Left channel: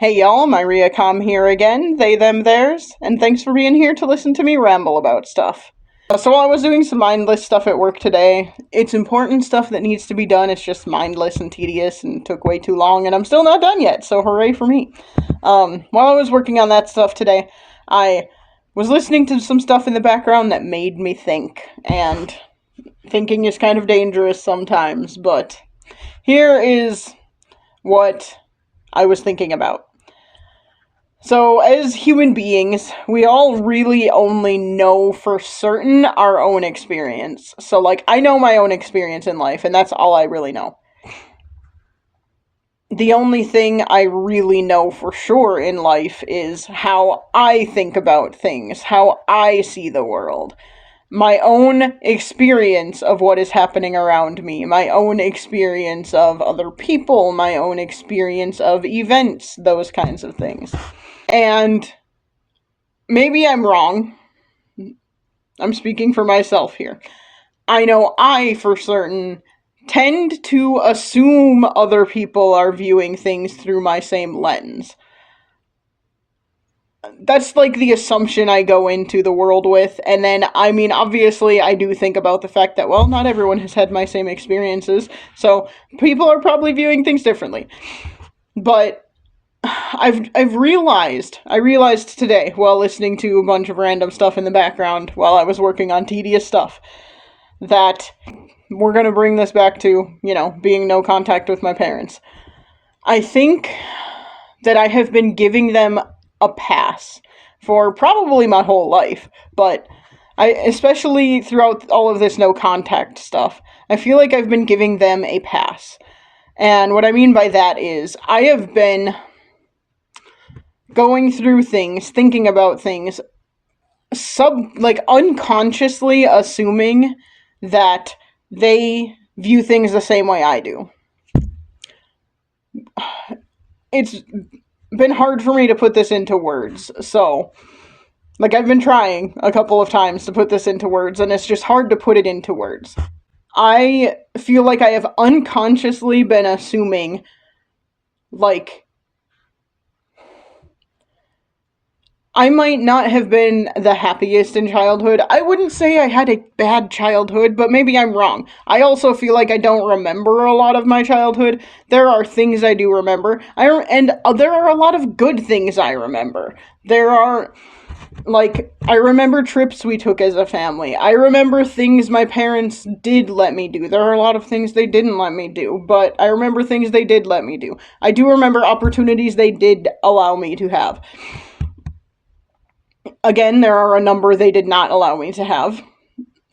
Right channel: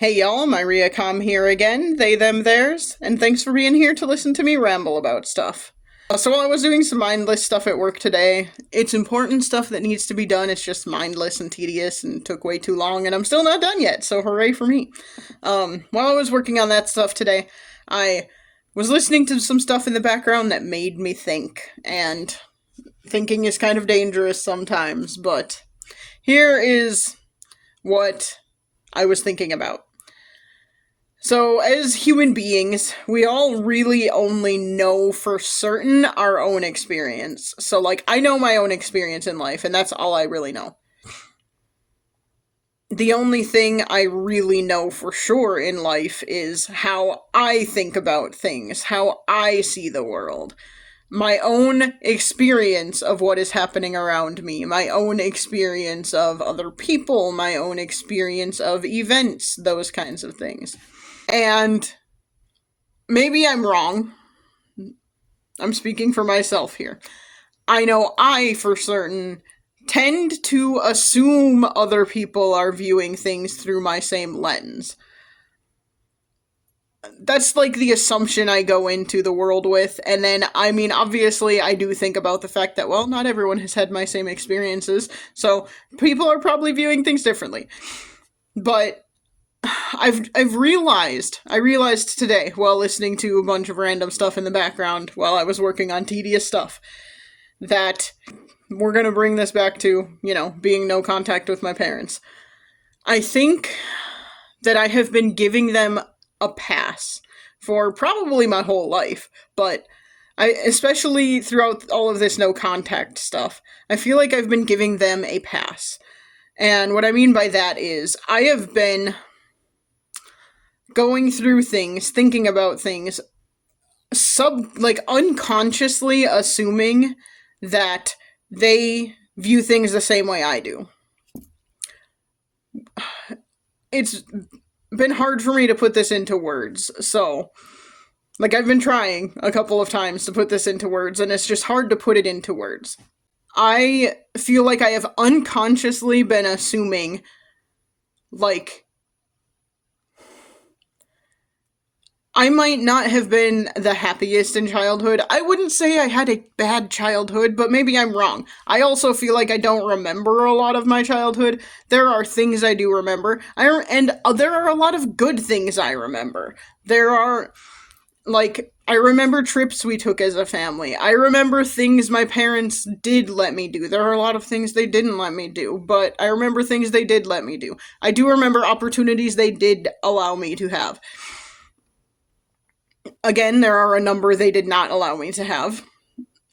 Hey y'all, Myriacom here again, they, them, theirs, and thanks for being here to listen to me ramble about stuff. So I was doing some mindless stuff at work today. It's important stuff that needs to be done, it's just mindless and tedious and took way too long, and I'm still not done yet, so hooray for me. While I was working on that stuff today, I was listening to some stuff in the background that made me think, and thinking is kind of dangerous sometimes, but here is what I was thinking about. So, as human beings, we all really only know for certain our own experience. So, like, I know my own experience in life, and that's all I really know. The only thing I really know for sure in life is how I think about things, how I see the world. My own experience of what is happening around me, my own experience of other people, my own experience of events, those kinds of things. And maybe I'm wrong. I'm speaking for myself here. I know I, for certain, tend to assume other people are viewing things through my same lens. That's like the assumption I go into the world with, and then, I mean, obviously, I do think about the fact that, well, not everyone has had my same experiences, so people are probably viewing things differently. But I've realized I realized today while listening to a bunch of random stuff in the background while I was working on tedious stuff that we're gonna bring this back to, being no contact with my parents. I think that I have been giving them a pass for probably my whole life, but especially throughout all of this no contact stuff, I feel like I've been giving them a pass. And what I mean by that is I have been going through things, thinking about things, unconsciously assuming that they view things the same way I do. It's been hard for me to put this into words, so I've been trying a couple of times to put this into words, and it's just hard to put it into words. I feel like I have unconsciously been assuming, like, I might not have been the happiest in childhood. I wouldn't say I had a bad childhood, but maybe I'm wrong. I also feel like I don't remember a lot of my childhood. There are things I do remember. There are a lot of good things I remember. There are, like, I remember trips we took as a family. I remember things my parents did let me do. There are a lot of things they didn't let me do, but I remember things they did let me do. I do remember opportunities they did allow me to have. Again, there are a number they did not allow me to have.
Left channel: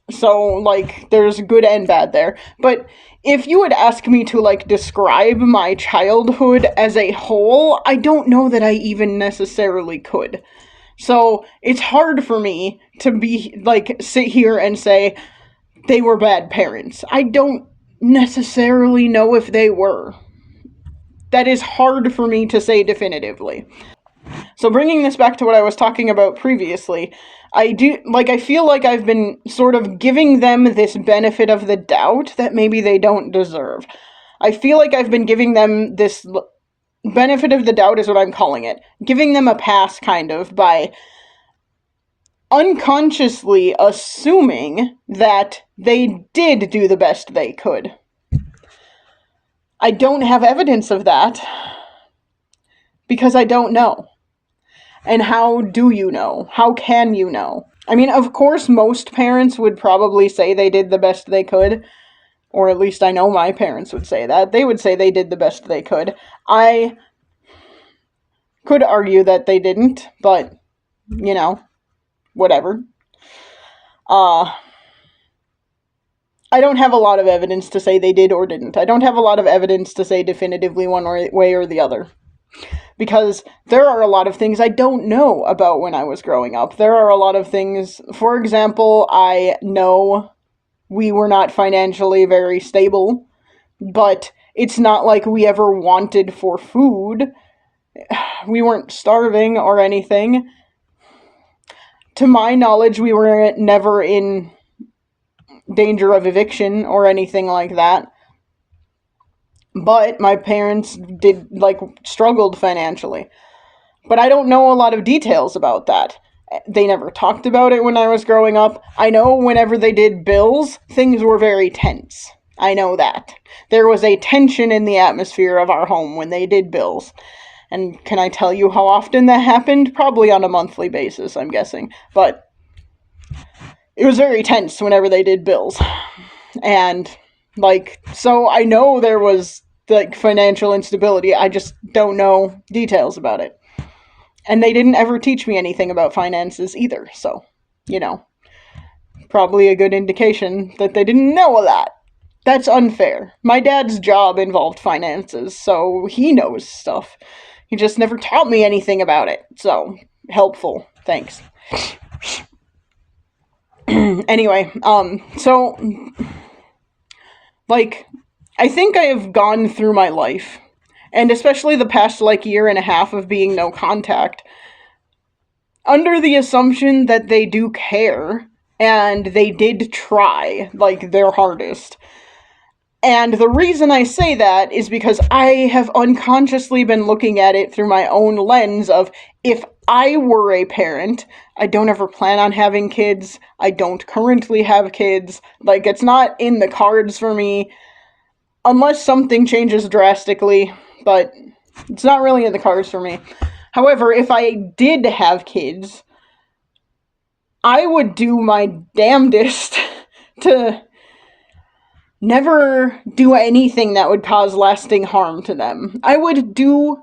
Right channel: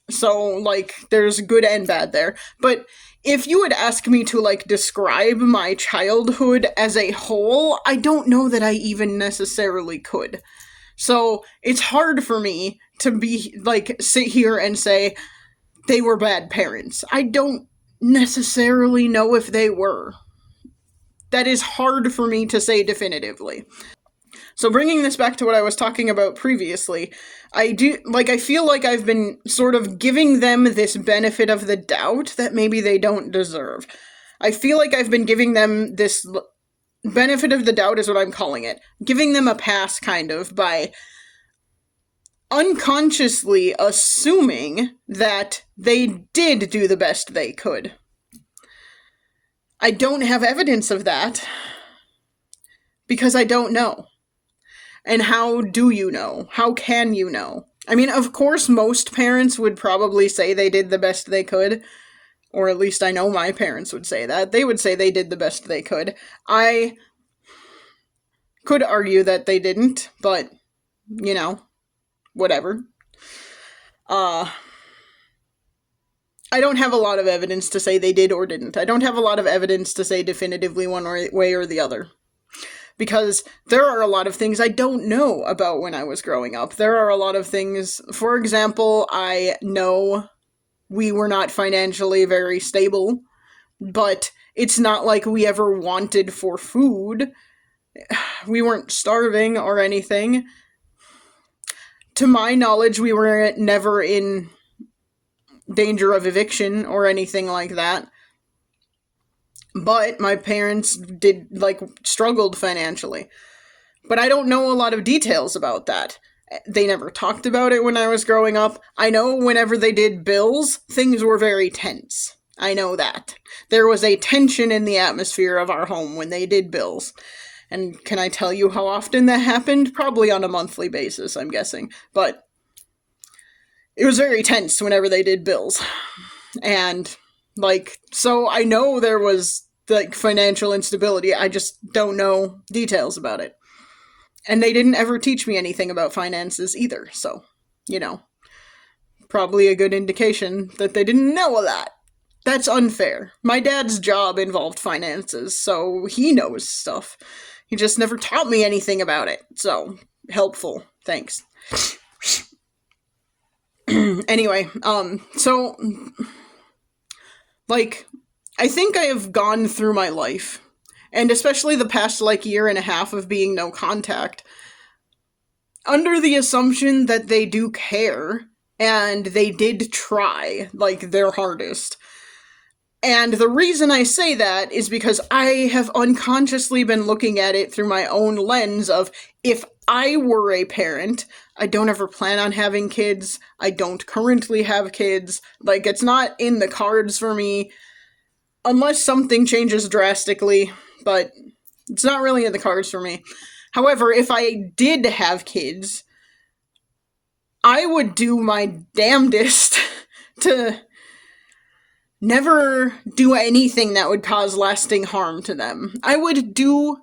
So, there's good and bad there. But if you would ask me to, describe my childhood as a whole, I don't know that I even necessarily could. So, it's hard for me to sit here and say they were bad parents. I don't necessarily know if they were. That is hard for me to say definitively. So bringing this back to what I was talking about previously, I feel like I've been sort of giving them this benefit of the doubt that maybe they don't deserve. I feel like I've been giving them this benefit of the doubt is what I'm calling it. Giving them a pass, kind of, by unconsciously assuming that they did do the best they could. I don't have evidence of that because I don't know. And how do you know? How can you know? I mean, of course, most parents would probably say they did the best they could. Or at least I know my parents would say that. They would say they did the best they could. I could argue that they didn't, but, whatever. I don't have a lot of evidence to say they did or didn't. I don't have a lot of evidence to say definitively one way or the other. Because there are a lot of things I don't know about when I was growing up. There are a lot of things, for example, I know we were not financially very stable, but it's not like we ever wanted for food. We weren't starving or anything. To my knowledge, we were never in danger of eviction or anything like that. But my parents did, like, struggled financially. But I don't know a lot of details about that. They never talked about it when I was growing up. I know whenever they did bills, things were very tense. I know that. There was a tension in the atmosphere of our home when they did bills. And can I tell you how often that happened? Probably on a monthly basis, I'm guessing. But it was very tense whenever they did bills. And, like, so I know there was, like, financial instability. I just don't know details about it. And they didn't ever teach me anything about finances either, so, you know, probably a good indication that they didn't know a lot. That's unfair. My dad's job involved finances, so he knows stuff. He just never taught me anything about it, so, helpful. Thanks. Anyway, so, like, I think I have gone through my life, and especially the past, like, year and a half of being no contact, under the assumption that they do care and they did try, like, their hardest. And the reason I say that is because I have unconsciously been looking at it through my own lens of, if I were a parent, I don't ever plan on having kids, I don't currently have kids, like, it's not in the cards for me, unless something changes drastically, but it's not really in the cards for me. However, if I did have kids, I would do my damnedest to never do anything that would cause lasting harm to them. I would do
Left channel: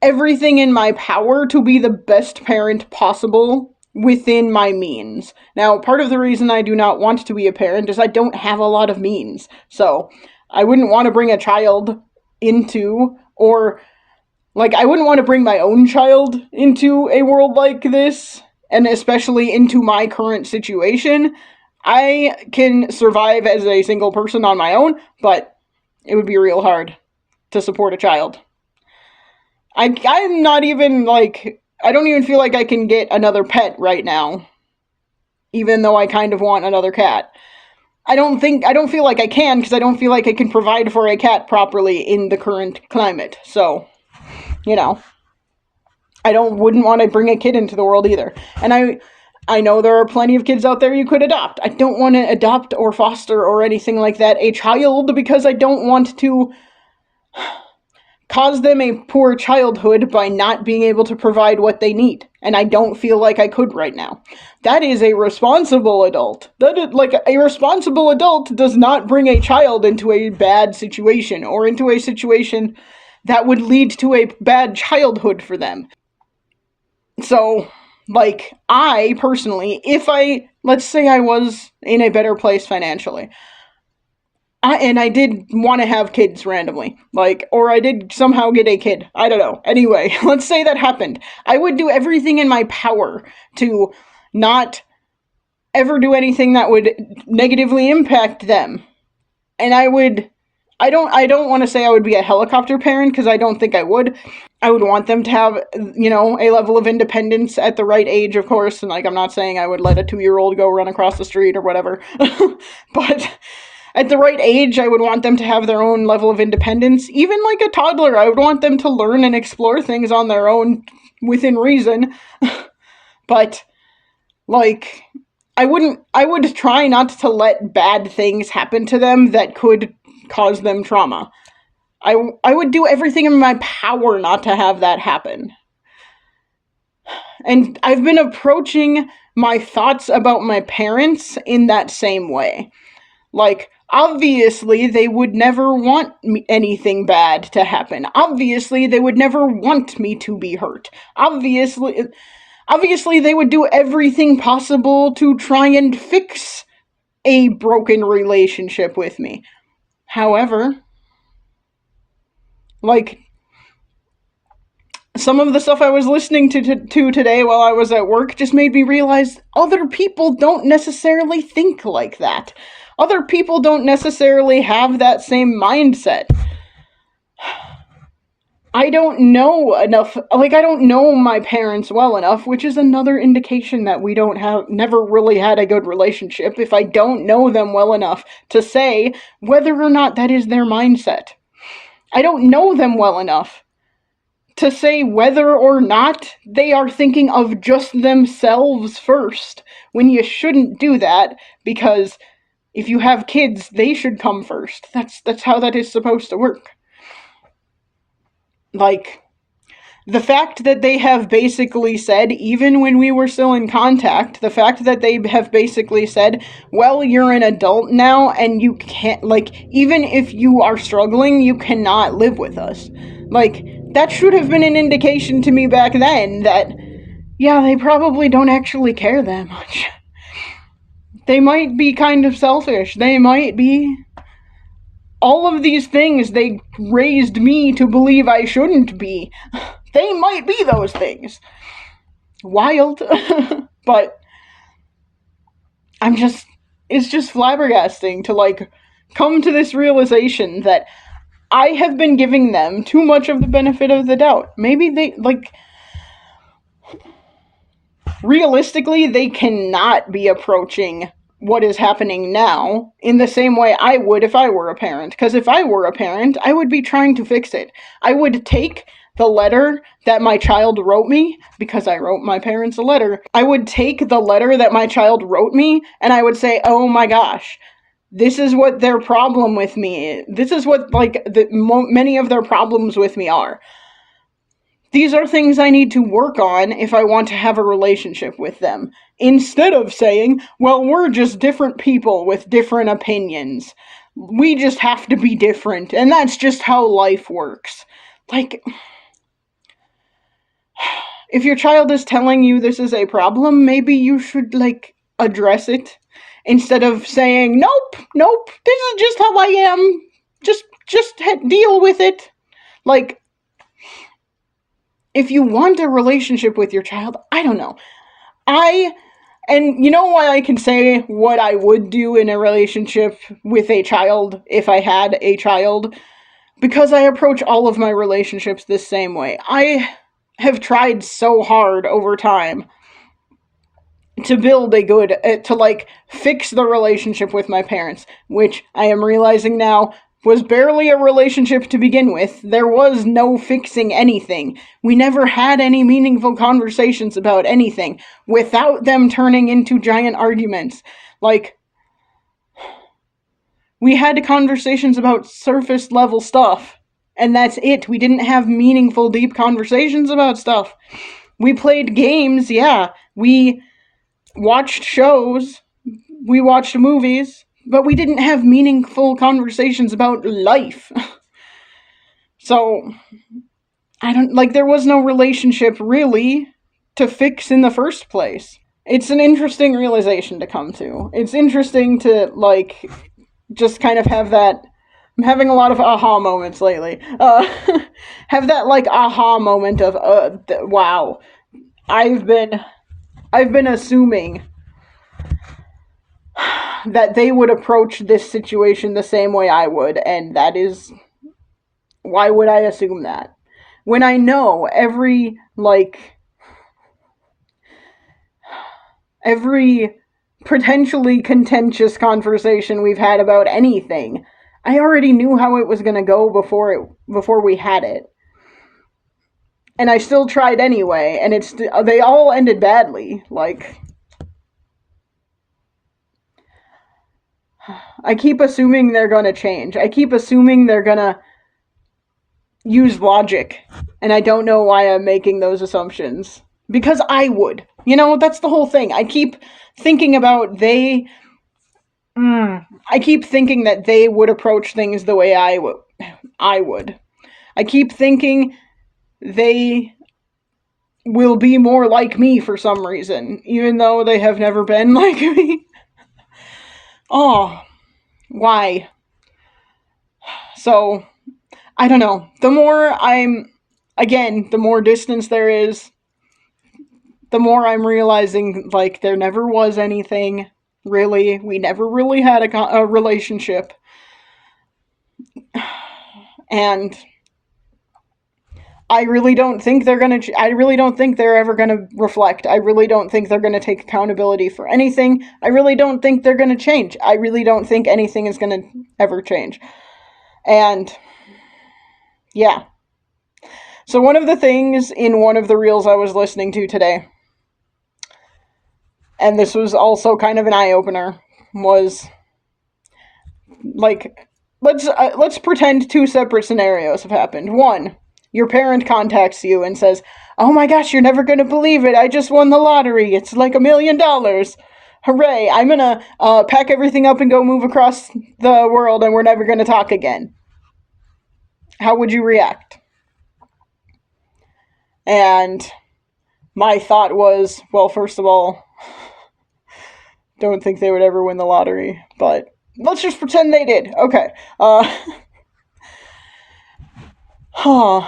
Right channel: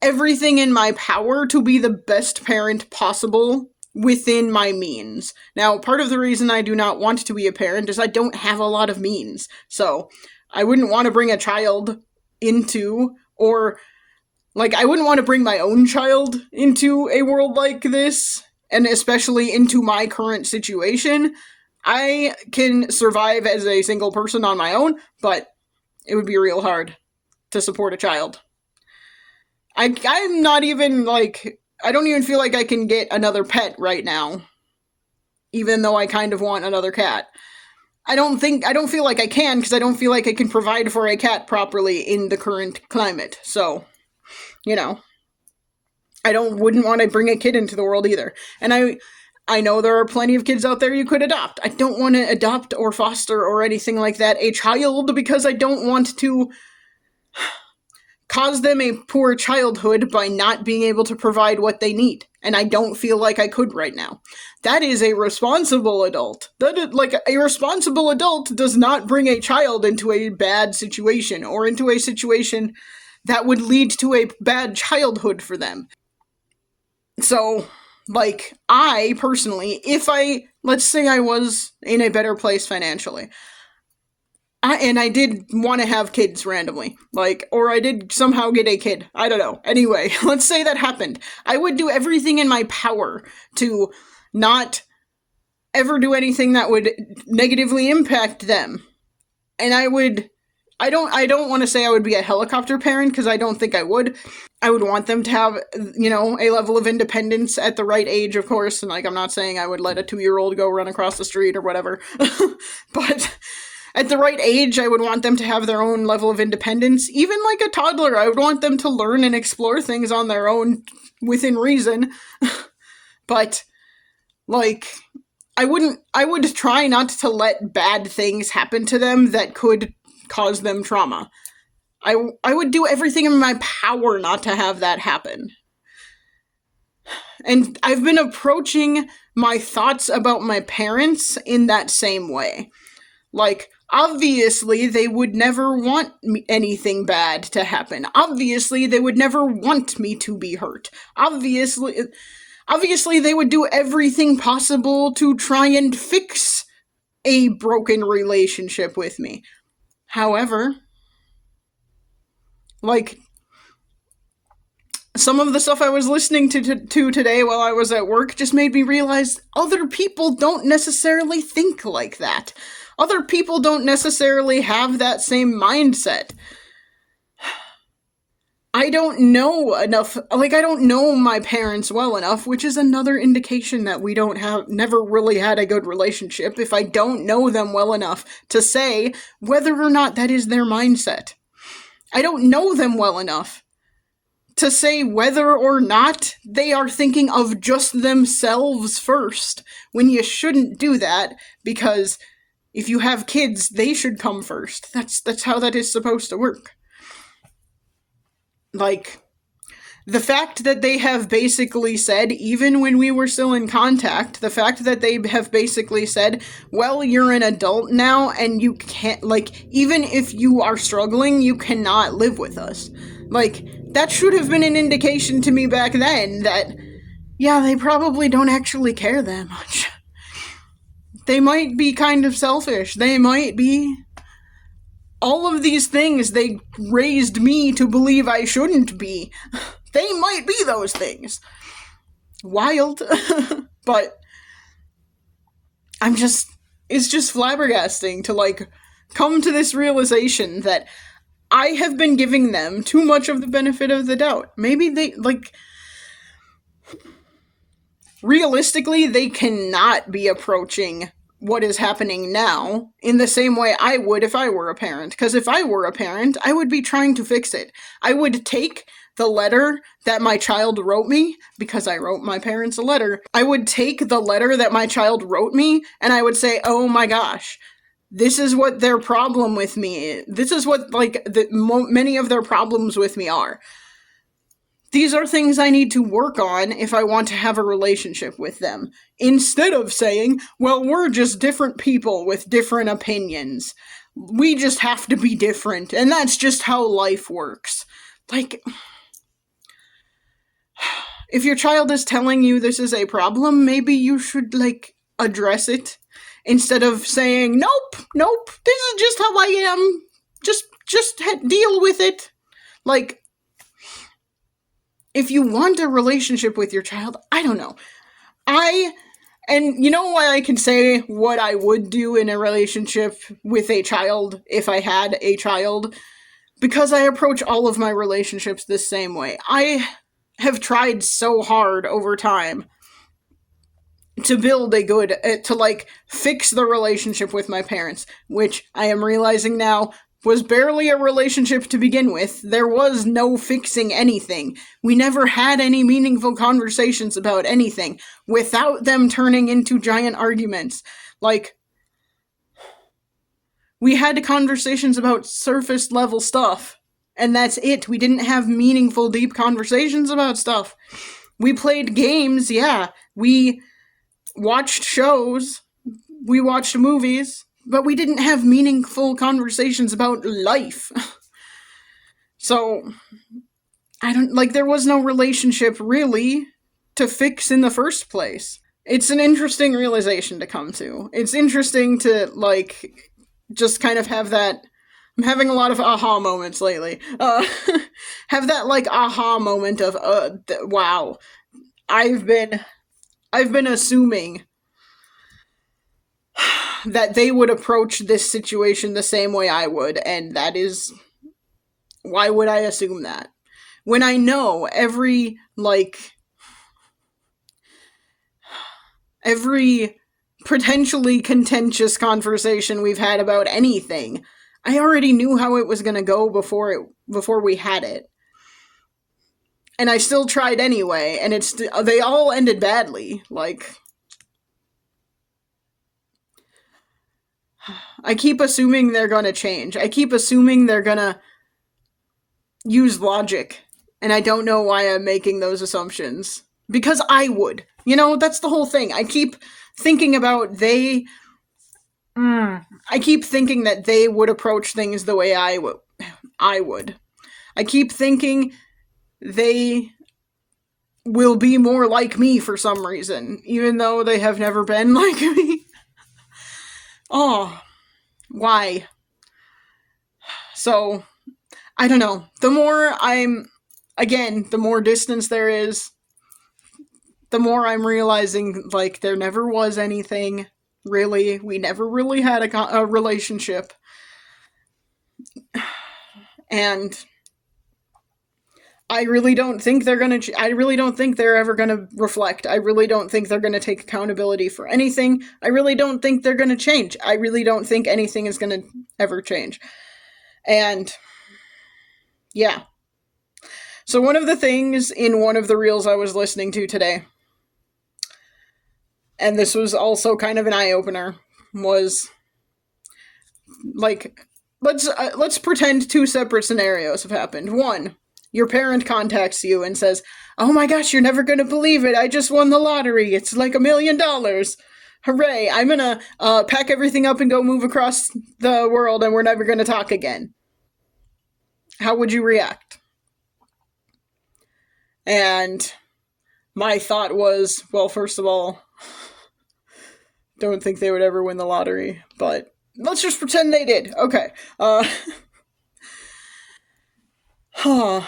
everything in my power to be the best parent possible within my means. Now, part of the reason I do not want to be a parent is I don't have a lot of means. So, I wouldn't want to bring a child into, or, like, I wouldn't want to bring my own child into a world like this, and especially into my current situation. I can survive as a single person on my own, but it would be real hard to support a child. I'm not even, like, I don't even feel like I can get another pet right now, even though I kind of want another cat. I don't feel like I can, because I don't feel like I can provide for a cat properly in the current climate. So, you know, wouldn't want to bring a kid into the world either. And I know there are plenty of kids out there you could adopt. I don't want to adopt or foster or anything like that a child, because I don't want to cause them a poor childhood by not being able to provide what they need. And I don't feel like I could right now. That is a responsible adult. Like, a responsible adult does not bring a child into a bad situation, or into a situation that would lead to a bad childhood for them. So, like, I personally, let's say I was in a better place financially, and I did want to have kids randomly, like, or I did somehow get a kid, I don't know. Anyway, let's say that happened. I would do everything in my power to not ever do anything that would negatively impact them. And I don't want to say I would be a helicopter parent, because I don't think I would. I would want them to have, you know, a level of independence at the right age, of course, and, like, I'm not saying I would let a 2-year-old go run across the street or whatever, but at the right age, I would want them to have their own level of independence. Even like a toddler, I would want them to learn and explore things on their own within reason. But, like, I would try not to let bad things happen to them that could cause them trauma. I would do everything in my power not to have that happen. And I've been approaching my thoughts about my parents in that same way. Like, obviously, they would never want anything bad to happen. Obviously, they would never want me to be hurt. Obviously, they would do everything possible to try and fix a broken relationship with me. However, like, some of the stuff I was listening to today while I was at work just made me realize other people don't necessarily think like that. Other people don't necessarily have that same mindset. I don't know enough, like, I don't know my parents well enough, which is another indication that we never really had a good relationship, if I don't know them well enough to say whether or not that is their mindset. I don't know them well enough to say whether or not they are thinking of just themselves first, when you shouldn't do that, because if you have kids, they should come first. That's how that is supposed to work. Like, the fact that they have basically said, even when we were still in contact, the fact that they have basically said, well, you're an adult now and you can't, like, even if you are struggling, you cannot live with us. Like, that should have been an indication to me back then that, yeah, they probably don't actually care that much. They might be kind of selfish. They might be. All of these things they raised me to believe I shouldn't be. They might be those things. Wild. But it's just flabbergasting to, like, come to this realization that I have been giving them too much of the benefit of the doubt. Maybe they, like, realistically, they cannot be approaching what is happening now in the same way I would if I were a parent. Because if I were a parent, I would be trying to fix it. I would take the letter that my child wrote me, because I wrote my parents a letter. I would take the letter that my child wrote me and I would say, oh my gosh, this is what their problem with me, this is what, like, many of their problems with me are. These are things I need to work on if I want to have a relationship with them. Instead of saying, well, we're just different people with different opinions. We just have to be different, and that's just how life works. Like, if your child is telling you this is a problem, maybe you should, like, address it. Instead of saying, nope, this is just how I am. Just deal with it. Like, if you want a relationship with your child, I don't know. And you know why I can say what I would do in a relationship with a child if I had a child? Because I approach all of my relationships the same way. I have tried so hard over time to build a good, to, like, fix the relationship with my parents, which I am realizing now was barely a relationship to begin with. There was no fixing anything. We never had any meaningful conversations about anything without them turning into giant arguments. Like, we had conversations about surface level stuff, and that's it. We didn't have meaningful, deep conversations about stuff. We played games, yeah. We watched shows. We watched movies. But we didn't have meaningful conversations about life. So, there was no relationship, really, to fix in the first place. It's an interesting realization to come to. It's interesting to, like, just kind of have that. I'm having a lot of aha moments lately. Have that, like, aha moment of, wow, I've been assuming that they would approach this situation the same way I would, and that is, why would I assume that? When I know every potentially contentious conversation we've had about anything, I already knew how it was going to go before we had it. And I still tried anyway, and they all ended badly. Like, I keep assuming they're gonna change. I keep assuming they're gonna use logic. And I don't know why I'm making those assumptions. Because I would. You know, that's the whole thing. I keep thinking about I keep thinking that they would approach things the way I would. I keep thinking they will be more like me for some reason, even though they have never been like me. Oh, why? So, I don't know. The more distance there is, the more I'm realizing, like, there never was anything, really. We never really had a relationship. And I really don't think they're ever gonna reflect. I really don't think they're gonna take accountability for anything. I really don't think they're gonna change. I really don't think anything is gonna ever change. And Yeah. So one of the things in one of the reels I was listening to today, and this was also kind of an eye opener, was like let's pretend two separate scenarios have happened. One, your parent contacts you and says, "Oh my gosh, you're never gonna believe it! I just won the lottery. It's like $1 million. Hooray! I'm gonna pack everything up and go move across the world, and we're never gonna talk again." How would you react? And my thought was, well, first of all, don't think they would ever win the lottery, but let's just pretend they did. Okay. Huh.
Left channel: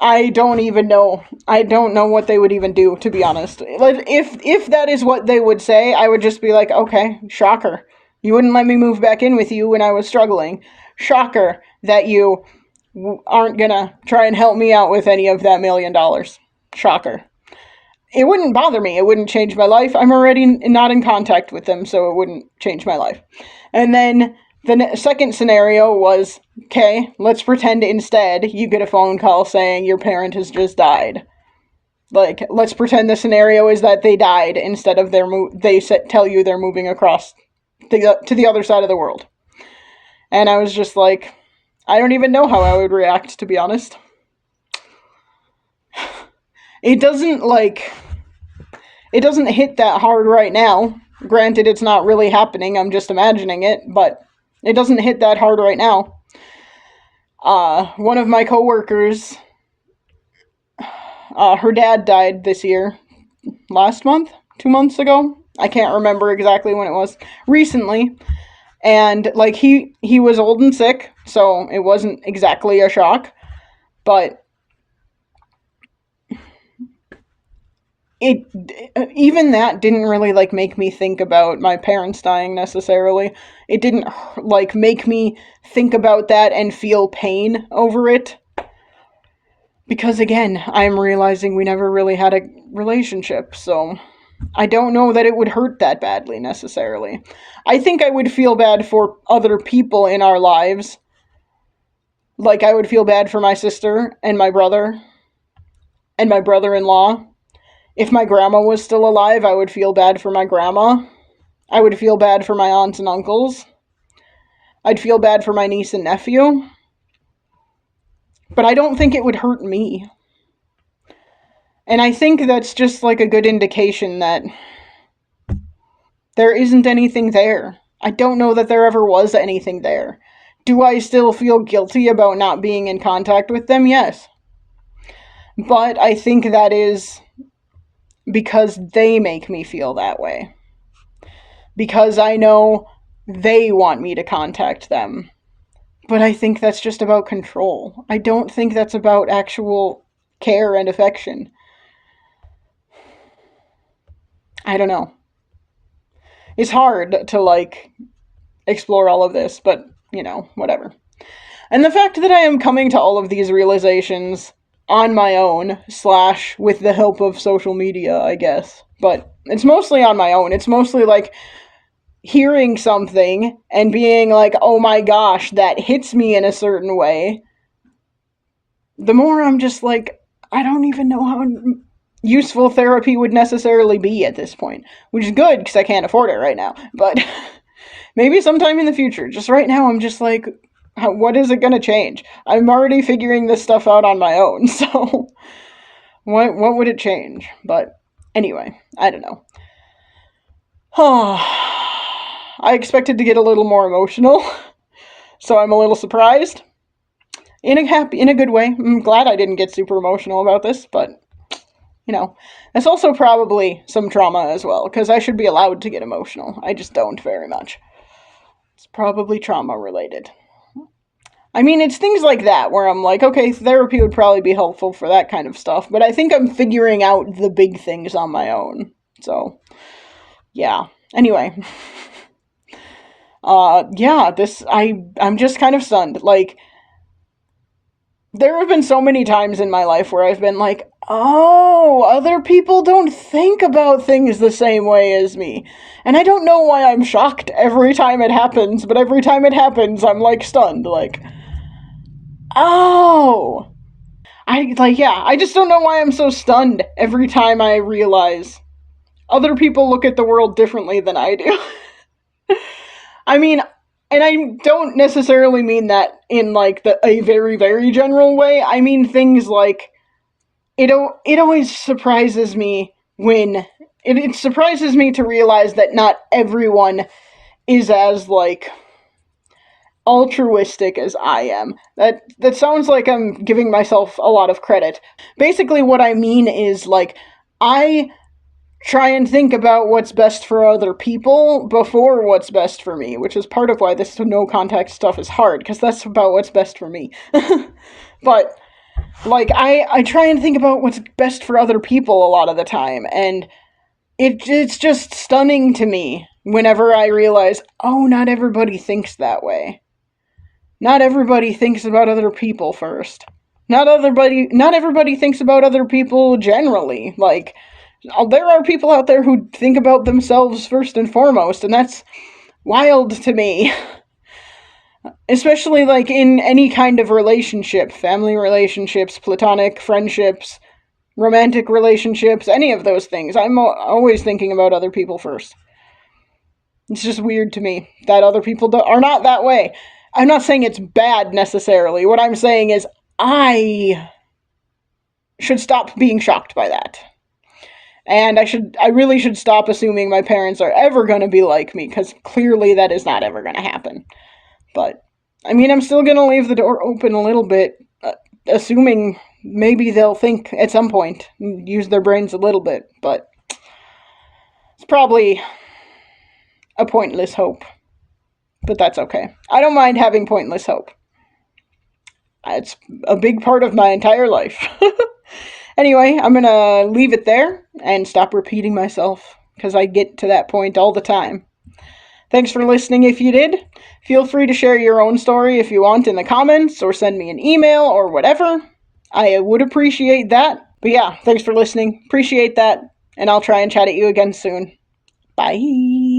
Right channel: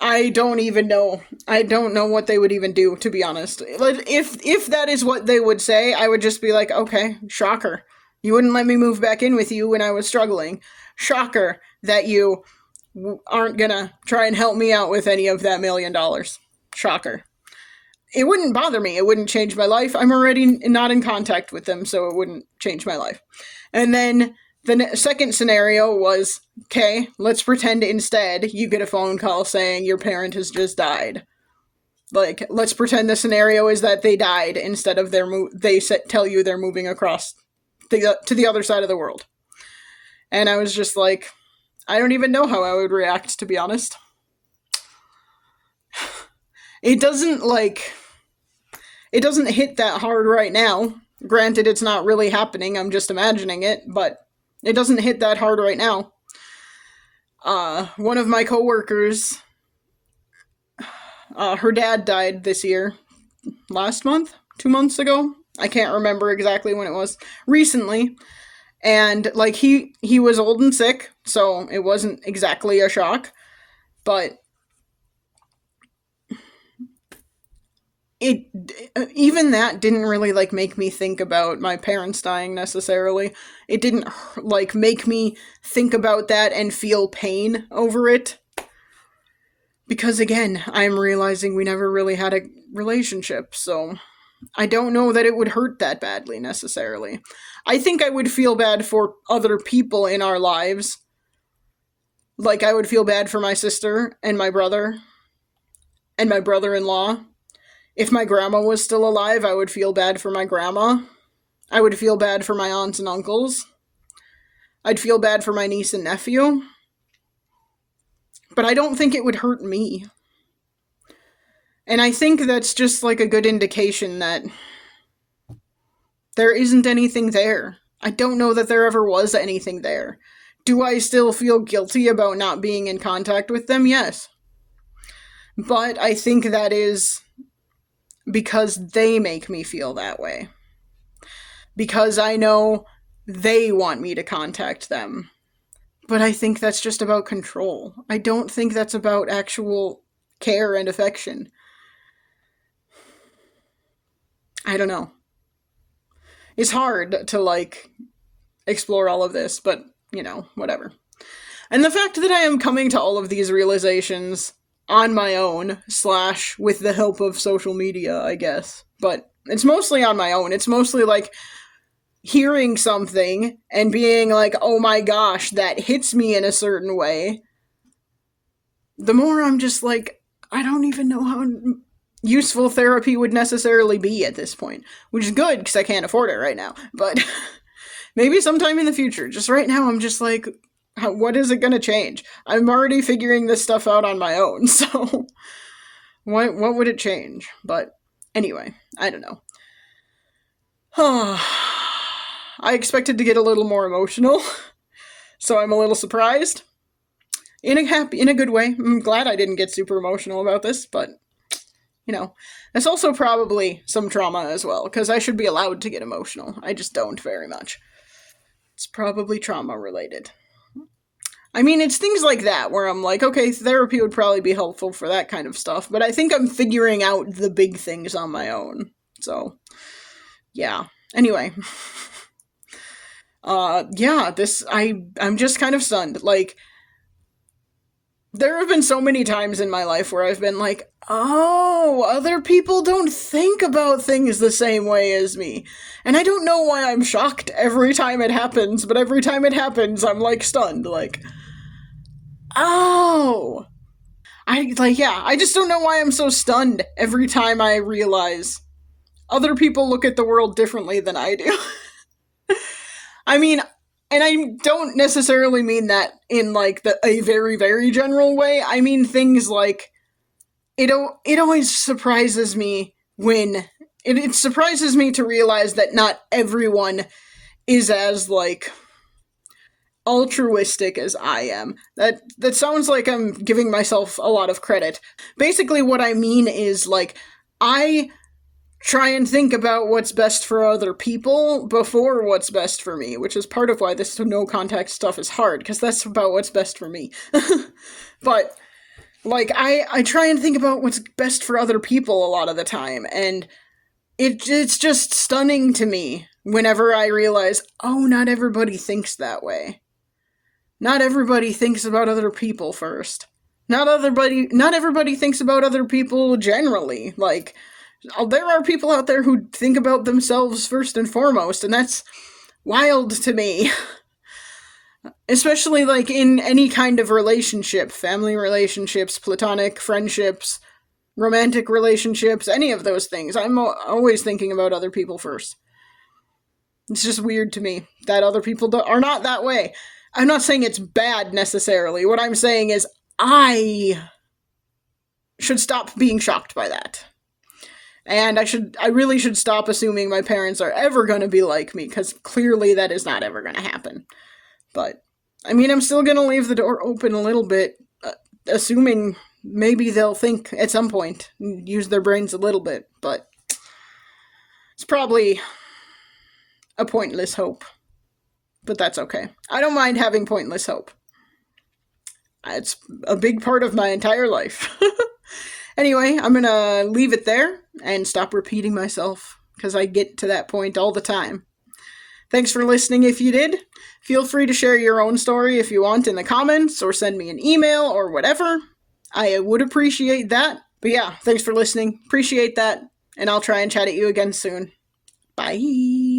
I don't even know. I don't know what they would even do, to be honest. Like, if that is what they would say, I would just be like, okay, shocker. You wouldn't let me move back in with you when I was struggling. Shocker that you aren't gonna try and help me out with any of that $1 million. Shocker. It wouldn't bother me. It wouldn't change my life. I'm already not in contact with them, so it wouldn't change my life. And then the second scenario was, okay, let's pretend instead you get a phone call saying your parent has just died. Like, let's pretend the scenario is that they died instead of they tell you they're moving across to the other side of the world. And I was just like, I don't even know how I would react, to be honest. It doesn't hit that hard right now. Granted, it's not really happening. I'm just imagining it, but it doesn't hit that hard right now. One of my coworkers, her dad died this year. Last month? 2 months ago? I can't remember exactly when it was. Recently. And, like, he was old and sick, so it wasn't exactly a shock. But it even that didn't really like make me think about my parents dying necessarily. It didn't like make me think about that and feel pain over it, because again, I'm realizing we never really had a relationship, so I don't know that it would hurt that badly necessarily. I think I would feel bad for other people in our lives. Like, I would feel bad for my sister and my brother and my brother-in-law. If my grandma was still alive, I would feel bad for my grandma. I would feel bad for my aunts and uncles. I'd feel bad for my niece and nephew. But I don't think it would hurt me. And I think that's just like a good indication that there isn't anything there. I don't know that there ever was anything there. Do I still feel guilty about not being in contact with them? Yes. But I think that is because they make me feel that way. Because I know they want me to contact them. But I think that's just about control. I don't think that's about actual care and affection. I don't know. It's hard to, like, explore all of this, but, whatever. And the fact that I am coming to all of these realizations on my own, / with the help of social media, I guess. But it's mostly on my own. It's mostly like hearing something and being like, oh my gosh, that hits me in a certain way. The more I'm just like, I don't even know how useful therapy would necessarily be at this point. Which is good, because I can't afford it right now. But maybe sometime in the future. Just right now, I'm just like, what is it going to change? I'm already figuring this stuff out on my own, so what would it change? But anyway, I don't know. I expected to get a little more emotional, so I'm a little surprised. In a good way. I'm glad I didn't get super emotional about this, but it's also probably some trauma as well, because I should be allowed to get emotional. I just don't very much. It's probably trauma related. I mean, it's things like that where I'm like, okay, therapy would probably be helpful for that kind of stuff, but I think I'm figuring out the big things on my own. So, yeah. Anyway. Yeah, I'm just kind of stunned. Like, there have been so many times in my life where I've been like, Oh, other people don't think about things the same way as me. And I don't know why I'm shocked every time it happens, but every time it happens, I'm like stunned. Like, oh. I just don't know why I'm so stunned every time I realize other people look at the world differently than I do. I mean, and I don't necessarily mean that in like a very, very general way. I mean things like it always surprises me when it surprises me to realize that not everyone is as like altruistic as I am. That sounds like I'm giving myself a lot of credit. Basically what I mean is like I try and think about what's best for other people before what's best for me, which is part of why this no contact stuff is hard because that's about what's best for me. But like I try and think about what's best for other people a lot of the time, and it's just stunning to me whenever I realize, oh, not everybody thinks that way. Not everybody thinks about other people first. Not everybody thinks about other people generally. Like there are people out there who think about themselves first and foremost, and that's wild to me. Especially like in any kind of relationship, family relationships, platonic friendships, romantic relationships, any of those things. I'm always thinking about other people first. It's just weird to me that other people are not that way. I'm not saying it's bad necessarily. What I'm saying is I should stop being shocked by that. And I really should stop assuming my parents are ever going to be like me, because clearly that is not ever going to happen. But, I mean, I'm still going to leave the door open a little bit, assuming maybe they'll think at some point, use their brains a little bit, but it's probably a pointless hope. But that's okay. I don't mind having pointless hope. It's a big part of my entire life. Anyway, I'm gonna leave it there and stop repeating myself, because I get to that point all the time. Thanks for listening if you did. Feel free to share your own story if you want in the comments, or send me an email or whatever. I would appreciate that. But yeah, thanks for listening. Appreciate that. And I'll try and chat at you again soon. Bye.